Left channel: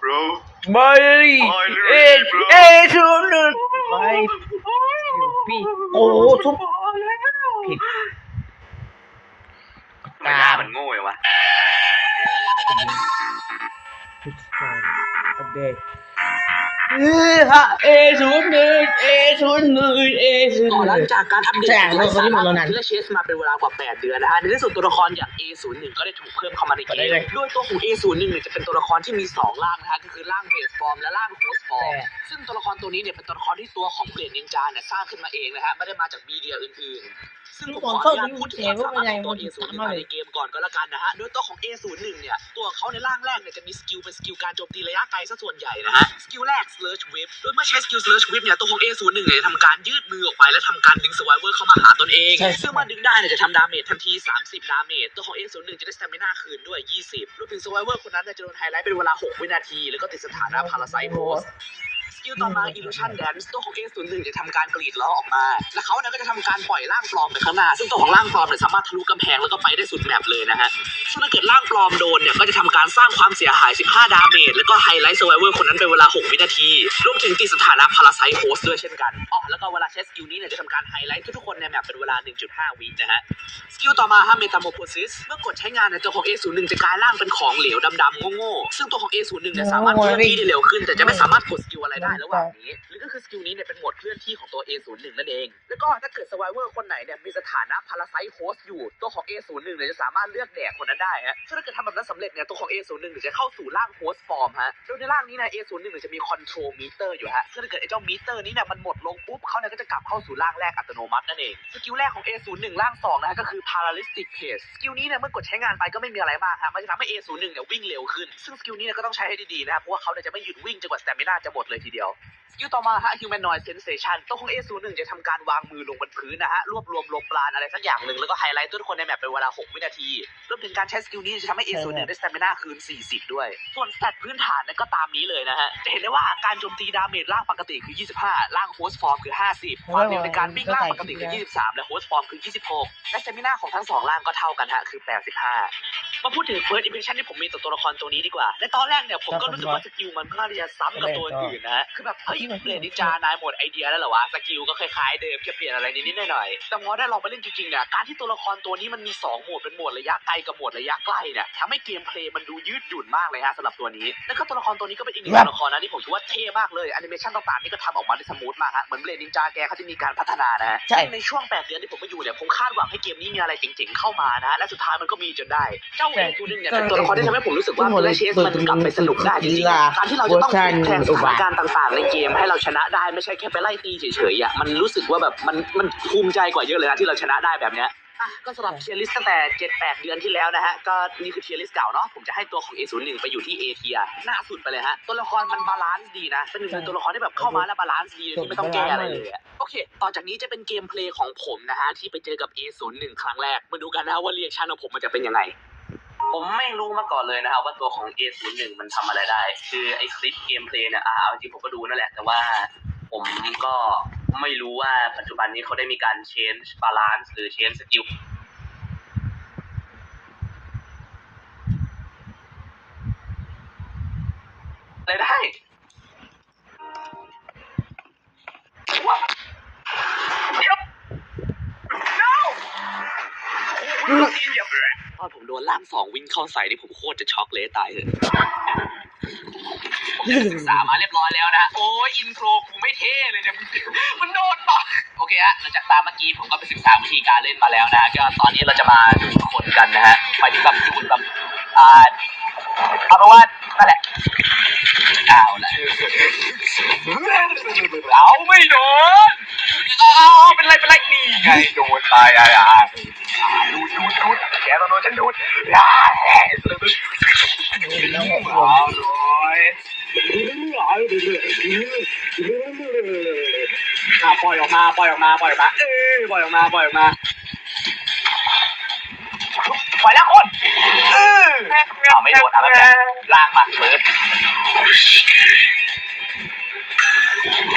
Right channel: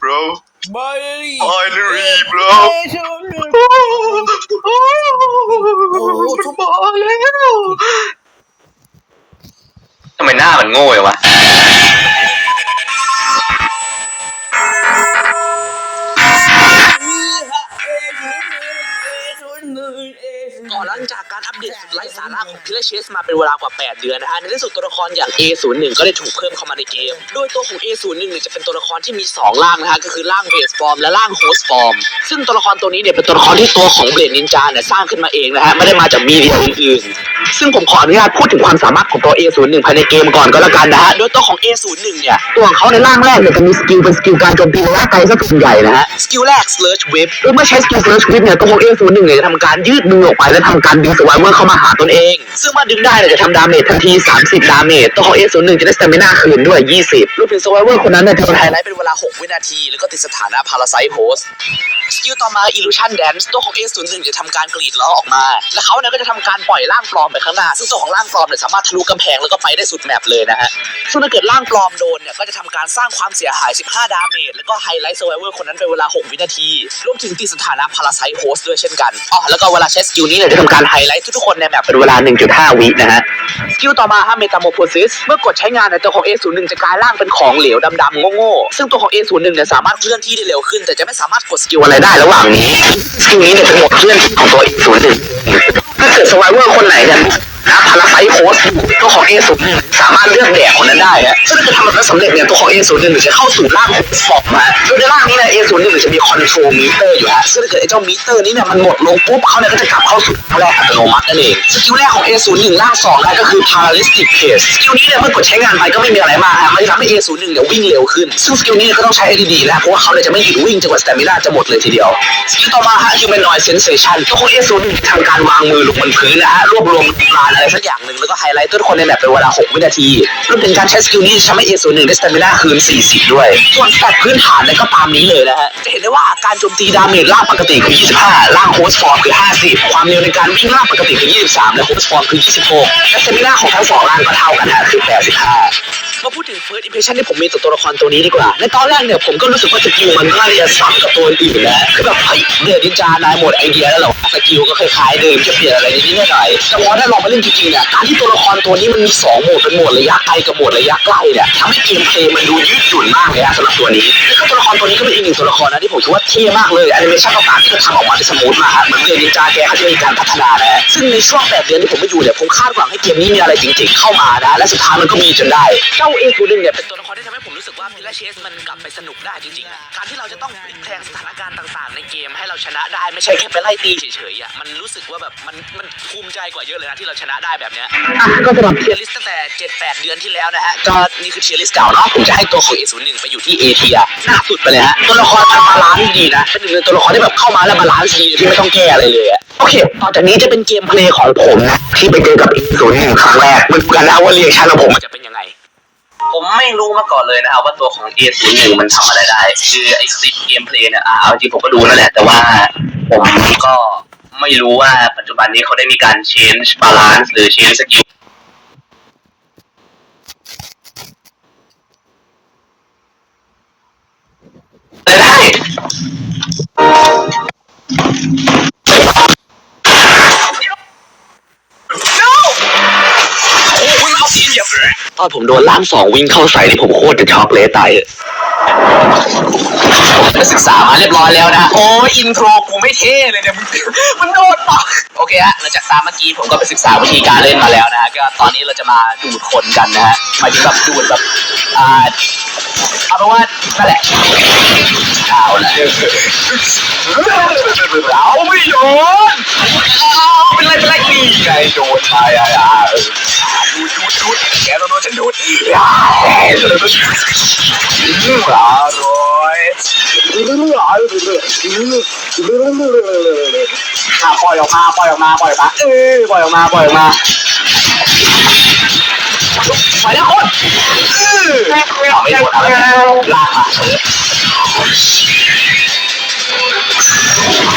bro ไม่เลย Finally, bro. เอ้ยชุนหนึ่งโอ้ทุบอลแล้วทำไมหน้ามันโง่ยวะเออฮะเอชุนหนึ่งเอชุนหนึ่งเอ ชุนก่อนหหลันึ่งงจากการอัปเดตใช่ไร้สาระของทีละเชสมาเป็นเวลากว่า 8 เดือนนะฮะในที่สุดตัวละครอย่าง A01 ก็ได้ถูกเพิ่มเข้ามาในเกมโดยตัวของ A01 เนี่ยจะเป็นตัวละครที่มี 2 ร่างนะฮะก็คือร่างเบสฟอร์มและร่างโฮสต์ฟอร์มซึ่งตัวละครตัวนี้เนี่ยเป็นตัวละครที่ตัวของเบลดนินจาเนี่ยสร้างขึ้นมาเองนะฮะไม่ได้มาจากมีเดียอื่นๆซึ่งผมขออนุญาตพูดถึงความสามารถของตัว A01 ภายในเกมก่อนก็แล้วกันนะฮะ โดยตัวของ A01 เนี่ย ตัวของเขาในร่างแรกเนี่ยจะมีสกิลเป็นสกิลการโจมตีระยะไกลซะส่วนใหญ่นะฮะ สกิลแรก Slurge Whip โดยเมื่อใช้สกิล Slurge Whip เนี่ย ตัวของ A01 เนี่ยจะทำการยืดมือออกไปและทำการดึงสวายเวอร์เข้ามาหาตนเอง ซึ่งเมื่อดึงได้เนี่ยจะทำดาเมจทันที 30 ดาเมจตัวของ A01 จะได้สเตมินาคืนด้วย 20รวมถึงสวายเวอร์คนนั้นเนี่ยจะโดนไฮไลท์เป็นเวลา 6 วินาที แล้วก็ติดสถานะ Parasite Host ส กิลต่อมา Illusion Dance ตัวของ A01 จะทำการกรีดล้อออกมา และเขาเนี่ยก็จะทำการปล่อยร่างปลอมไปข้างหน้า ซึ่งตัวของร่างปลอมเนี่ยสามารถทะลุกำแพงแล้วก็ไปได้สุดแมปเลยนะฮะ ซึ่งถ้าเกิดร่างปลอมโดนเนี่ยก็จะทำการสร้างความเสียหาย 15 ดาเมจ แล้วก็ไฮไลท์ Survivor คนนั้นเป็นเวลา 6 วินาที รวมถึงติดสถานะ Parasite Host ด้วยเช่นกัน อ๋อ แล้วก็เวลาใช้สกิลนี้เนี่ยจะทำการไฮไลท์ทุกๆคนในแมปเป็นเวลา 1.5 วินะฮะสกิลต่อมาฮะเมตาโมโพซิสเมื่อกดใช้งานเนยตัวของ A01 จะกลายร่างเป็นของเหลวดำๆโง่ๆซึ่งตัวของ A01 เนี่ยสามารถเคลื่อนที่ได้เร็วขึ้น แต่จะไม่สามารถกดสกิลอะไรได้ระหว่างนี้สกิลนี้เนี่ยเป็นโหมดเคลื่อนที่ของตัว A01 ถ้าเกิดสไวเวอร์คนไหนเนี่ยนะพาราไซโคสตัวของ A01 สามารถเลือกแดกคนนั้นได้ฮะซึ่งถ้าทำแบบนั้นสำเร็จเนี่ยตัวของ A01 จะเข้าสู่ร่างโฮสฟอร์มฮะโดยในร่างนี้เนี่ย A01 จะมีคอนโทรลมิเตอร์อยู่ฮะซึ่งถ้าเกิดไอ้เจ้ามิเตอร์นี้เนี่ยมันหมดลงปุ๊บเขาเนี่ยก็จะกลับเข้าสู่ร่างแรกอัตโนมัตินั่นเองสกิลแรกของ A01 ร่างสองนะก็คือ Paralystic Pace สกิลนี้เนี่ยเมื่อกดใช้งานไปก็ไม่มีอะไรมากฮะมันจะทำให้ A01 เนี่ยวิ่งเร็วขึ้น ซึ่งสกิลนี้ก็ต้องใช้ให้ดีๆนะเพราะว่าเขาเนี่ยจะไม่หยุดวิ่งจนกว่าสเตมินาจะหมดเลยทีเดียวสกิลต่อมาฮะ Humanoid Sensation ตัวของ A01 ทำการวางมือลงบนพื้นนะฮะรวบรวมลมปราอะไรสักอย่างหนึ่งแล้วก็ไฮไลท์ทุกคนในแมปเป็นเวลา 6 วินาทีรวมถึงการใช้สกิลนี้จะทำให้ A01 ได้สเตมิน่าคืน 40 ด้วย ส่วนสแตทพื้นฐานเนี่ยก็ตามนี้เลยนะฮะ จะเห็นได้ว่าการโจมตีดาเมจล่างปกติคือ 25 ล่างโฮสฟอร์มคือ 50 ความเร็วในการวิ่งล่างปกติคือ 23 และโฮสฟอร์มคือ 26และสเตมิน่าของทั้งสองล่างก็เท่ากันฮะคือ 85 มาพูดถึง first impression ที่ผมมีต่อตัวละครตัวนี้ดีกว่า ในตอนแรกเนี่ยผมก็รู้สึกว่าสกิลมันน่าจะซ้ำกับตัวอื่นนะคือแบบเฮ้ยเดือดนินจานายหมดไอเดียแล้วเหรอวะสกิลก็คล้ายๆเดิมจะเปลี่ยนอะไรนิดหน่อยแต่พอได้ลองมาเล่นจริงๆเนี่ยการที่ตัวละครตัวนี้มันมีสองโหมดเป็นโหมดระยะไกลกับโหมดระยะใกล้เนี่ยทำให้เกมเพลย์มันดูยืดหยุ่นมากเลยอะสำหรับตัวนี้แล้วก็ตัวละครตัวนี้ก็เป็นอีกหนึ่งตัวละครนะที่ผมคิดว่าเท่มากเลยแอนิเมชั่นต่างๆที่เขาทำออกมาได้สมูทมากเหมือนเดือดนินจาแกเขาจะมีการพัฒนานะซึ่งในช่วงแปดเดือนที่ผมไม่อยู่เนี่ยผมคาดหวังให้เกมนี้มีอะไรจริงๆเข้ามานะและสุดท้ายมันก็มีจนได้เจ้าเอคูนึงเนี่ยเป็นตัวละครที่ทำให้ผมรู้สึกว่าตัวเชสมันกลับไปสนุกได้จริงๆการที่เราจะต้องพลิกแพลงสถานการณ์ต่างๆ ในเกมให้เราชนะได้ไม่ใช่แค่ไปไล่ตีเฉยๆอะมันรู้สึกว่าแบบมันมันภูมิใจกว่าเยอะเลยนะที่เราชนะได้แบบเนี้ยอะก็สำหรับเทียร์ลิสตั้งแต่7-8เดือนที่แล้วนะฮะก็นี่คือเทียร์ลิสเก่าเนาะผมจะให้ตัวของ A01 ไปอยู่ที่ A เทียหน้าสุดไปเลยฮะตัวละครมันบาลานซ์ดีนะเป็นหนึ่งในตัวละครที่แบบเข้ามาแล้วบาลานซ์ดีที่ไม่ต้องแก้อะไรเลยอะโอเคต่อจากนี้จะเป็นเกมเพลย์ของผมนะที่ไปเจอกับ A01 ครั้งแรกมันกันนะว่าเรียกชันของผมมันจะเป็นยังไงผม ไม่รู้มาก่อนเลยนะครับว่าตัวของ A01 มันทำอะไรได้ คือไอ้คลิปเกมเพลย์เนี่ยอ่าเอาจริงผมก็ดูนั่นแหละ แต่ว่าผมก็ไม่รู้ว่าปัจจุบันนี้เขาได้มีการ change balance หรือ change skill ได้ ตอนผมโดนล่ามสองวิ่งเข้าใส่นี่ผมโคตรจะช็อกเลยตายเลยผมไปศึกษามาเรียบร้อยแล้วนะ โอ้ยอินโทรกูไม่เท่เลยเนี่ยมันมันโดนปะโอเคฮะหลังจากตามเมื่อกี้ผมก็ไปศึกษาวิธีการเล่นมาแล้วนะฮะก็ตอนนี้เราจะมาดูดคนกันนะฮะหมายถึงแบบดูดแบบอ่าเอาเป็นว่านั่นแหละเอาละเราไม่โดนเอาเป็นไรเป็นไรนี่ไงโดนไปอะอะ ดูดดูดดูดแกต้องโดนฉันดูดอ่าอร่อยอะปล่อยออกมาปล่อยออกมาปล่อยออกมาเออปล่อยออกมาปล่อยออกมาปล่อยแล้วคนเออไม่โดนอะไรลากมาเปิด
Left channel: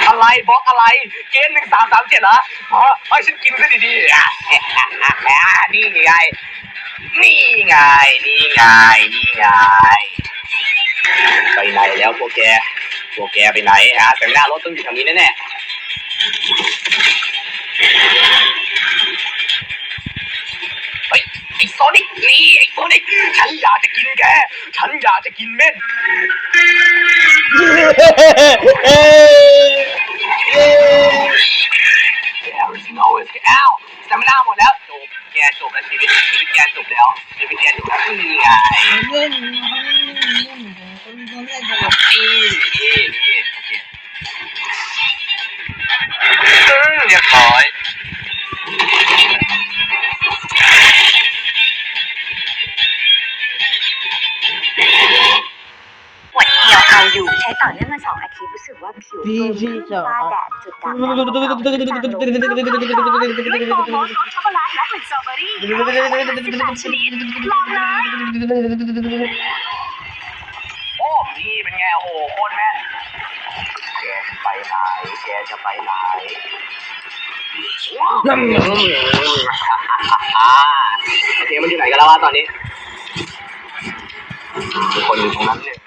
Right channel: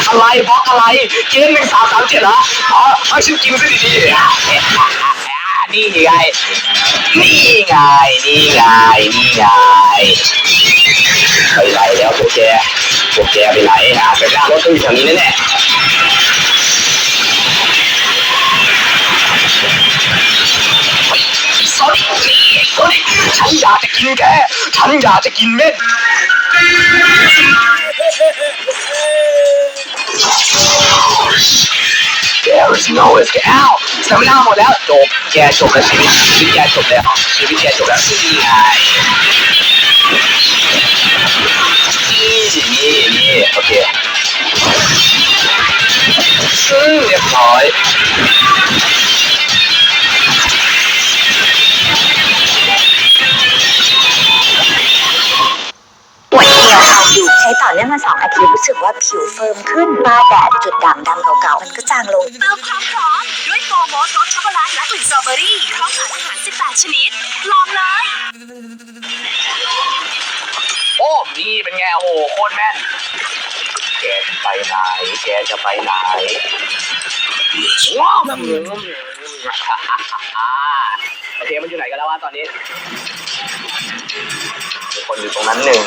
อะไรบล็อกอะไรเกมหนึ่งสามสามเจ็ดเหรออ๋อเอาฉันกินซะดีๆ นี่ไง นี่ไง นี่ไง นี่ไง ไปไล่แก พวกแกไปไหนฮะเป็นหน้ารถต้องอยู่แถวนี้แน่ๆเฮ้ยไอ้โซนิกนี่ไอ้โซนิกฉันอยากจะกินแก ฉันอยากจะกินเม็ดแก รู้สึกโง่แกอ้าวสามหน้าหมดแล้วจบแกจบแล้วชีวิตชีวิตแกจบแล้วชีวิตแกจบแล้วนี่ไงนี่นี่นี่โอเคอืมเรียบร้อย ต่อเนื่องมาสองอาทิตย์รู้สึกว่าผิวเฟิร์มขึ้นตาแดดจุดด่างดำเก่าๆจางลงด้วยโมโมสรสช็อกโกแลตและกลิ่นสตรอเบอรี่พร้อมสมุนไพร18ชนิดลองเลยโอ้นี่เป็นไงโอ้โหโคตรแม่นแกจะไปไหนแกจะไปไหนว้าวโอเคมันอยู่ไหนกันแล้ววะตอนนี้มีคนอยู่ตรงนั้นหนึ่ง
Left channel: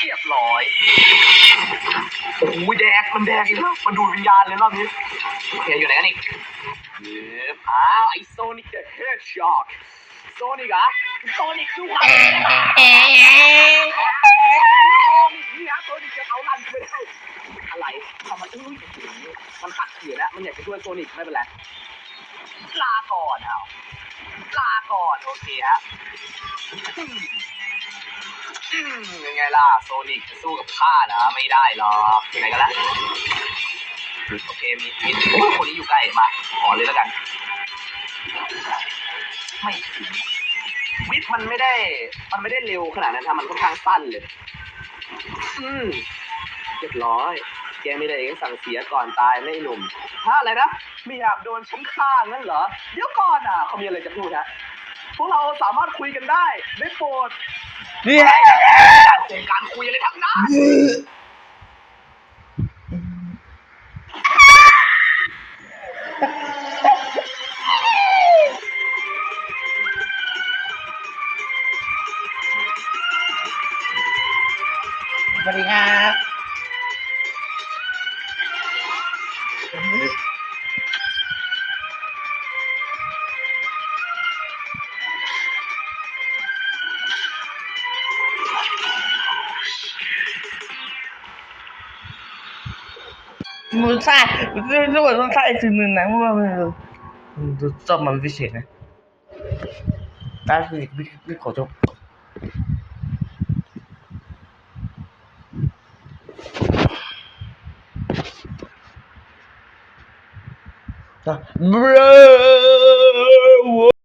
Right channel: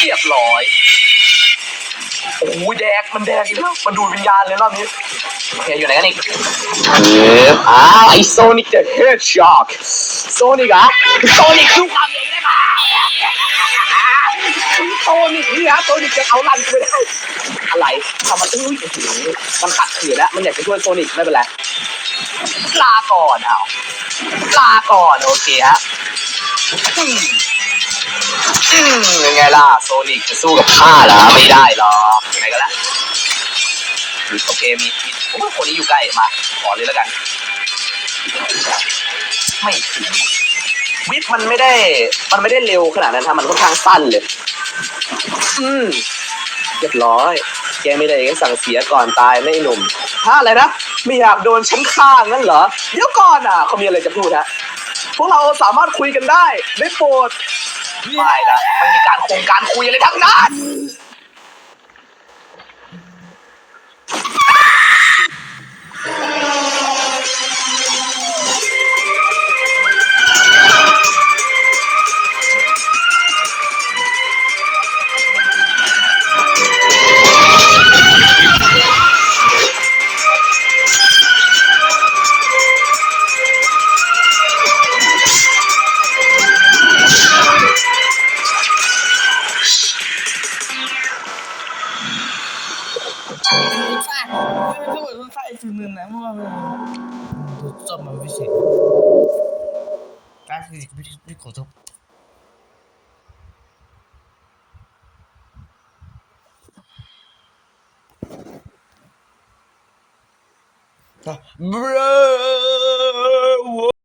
เรียบร้อย โอ้โหแดก มันแดกอีกแล้วมันดูดวิญญาณ เลยรอบนี้โอเคอยู่ไหนกันอีกเอออ้าวไอโซนิกเดอะเฮดช็อคโซนิกอะโซนิกคือโซนิกนี่ฮะโซนิกจะเอาลันไปได้อะไรทำมันอุ้ยโอ้โหมันขัดขืนแล้ว มันอยากจะช่วยโซนิกไม่เป็นไรลาก่อนเอาลาก่อนโอเคฮะอืมอืมยังไงล่ะ โซนิกจะสู้กับข้าเหรอไม่ได้หรอกยังไงก็แล้ว โอเคมีมีโอ้ยคนนี้อยู่ใกล้มา ขอเลยแล้วกัน ไม่ถึงวิทมันไม่ได้ มันไม่ได้เร็วขนาดนั้นฮะมันค่อนข้างสั้นเลย อืมเรียบร้อย แกไม่ได้สั่งเสียก่อนตายไม่ไอ้หนุ่มฮะอะไรนะ ไม่อยากโดนฉันฆ่างั้นเหรอ เดี๋ยวก่อนอะเขามีอะไรจะพูดฮะ พวกเราสามารถคุยกันได้ ได้โปรดนี่อะไรนะการคงการคุยอะไรทั้งนั้น เกิดมันใช่สิ่งหนึ่งนะเพราะว่ามันมันชอบมันพิเศษนะได้คือพี่ขอจบอะ